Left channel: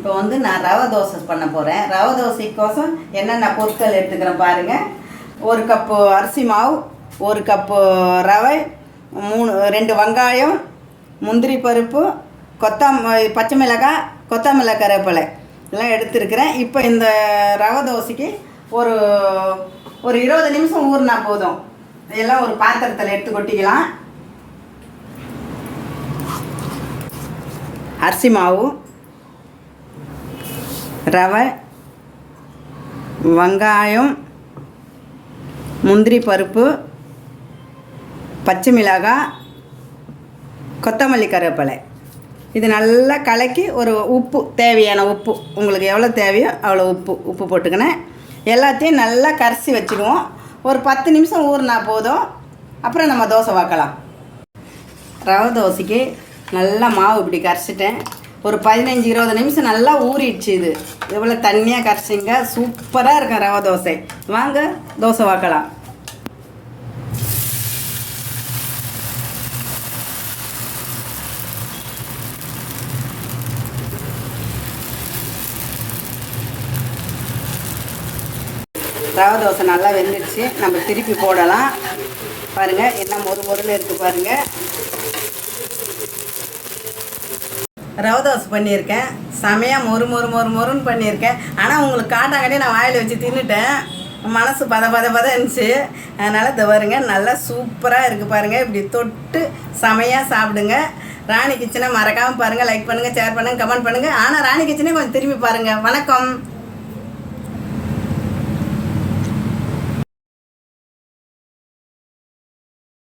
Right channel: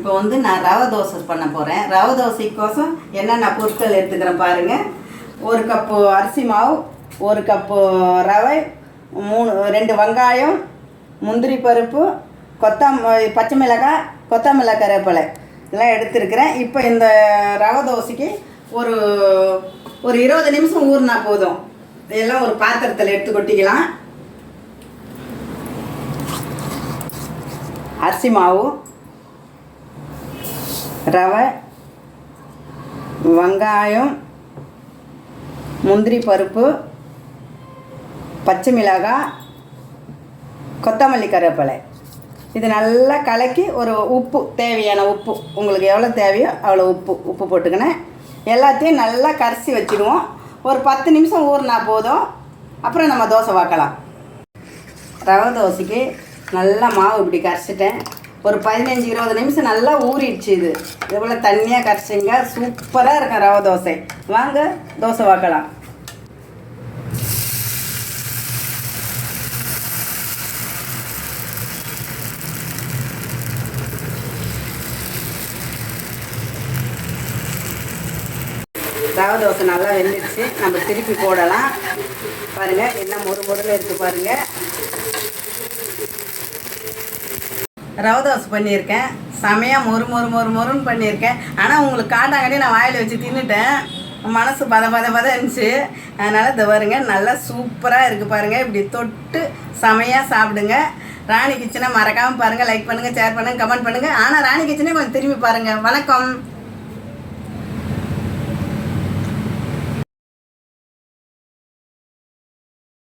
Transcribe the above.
இப்போ வந்து நான் ரவை தோசை பண்ண போகிறேன். ரவை தோசைக்கோசம் என்னென்ன பொருட்கள் எடுத்துக்கிறேன் பாருங்கள். 1 கப்பு அரிசி மாவு, 1 கப்பு ரவை, 2 வெங்காயம், முந்திரி பருப்பு, பச்சை மிளகாய், கொத்தமல்லி, கருவேப்பிலை இதெல்லாம் எடுத்துருக்கிறேன். இப்போ இந்த ரவை தோசைக்கு ஒரு 20 நிமிஷம் ஊறினா போதும். இதெல்லாம் ஒரு பாத்திரத்தில் எடுத்து கொட்டிக்கலாம். அரிசி மாவு, ரவை, வெங்காயம், முந்திரி பருப்பு, பச்சை மிளகாய், கொத்தமல்லி, கருவேப்பிலை இது நல்லா கலக்கி ஒரு உப்பு, தேவையான உப்பு உங்களுக்கு எவ்வளோ தேவையோ அவ்வளோ உப்பு போட்டுக்கினேன். எல்லாத்தையும் நல்லா கரைச்சி வச்சுடுவோம். ஒரு 10 நிமிஷம் ஊறினா போதும். அப்புறம் நம்ம தோசை வாக்கலாம். ரவை தோசைக்கு நல்லா மாவு இப்படி கரைச்சிட்டேன். ஒரு 15-20 நிமிஷம் நல்லா ஊறிடுச்சு. இது இவ்வளோ தண்ணியாக கரைச்சிங்க, சூப்பராக இருக்கும் ரவை தோசை. வாங்க தோசை வாக்கலாம். ரவை தோசை நல்லா வெந்துடுச்சு. நம்ம திருப்பி போடலாம். பாருங்கள் என்ன மொறுமொறுன்னு இருக்குது பாருங்கள். ரவை தோசை பண்ணியிருக்கேன். செமையாக மொறுன்னு பண்ணியிருக்கேன். ஆனால் உங்களுக்கு காட்டாங்கன்னே நான் வாயில் வச்சு தின்னுட்டேன். மனசு பத இருந்துச்சு. அதனால் இதை பாருங்க நல்லா சூப்பராக இருக்குது பாருங்கள். இப்படி தொட்டு செமையாக சாப்பிடுங்க. ராணி கிச்சனை மறக்காமல் பாருங்கள். லைக் பண்ணுங்கள், ஷேர் பண்ணுங்கள், கமெண்ட் பண்ணுங்கள். ஆனால் ராணி கிச்சனே கொஞ்சம் திரும்பி பாருங்கள். வணக்கம்.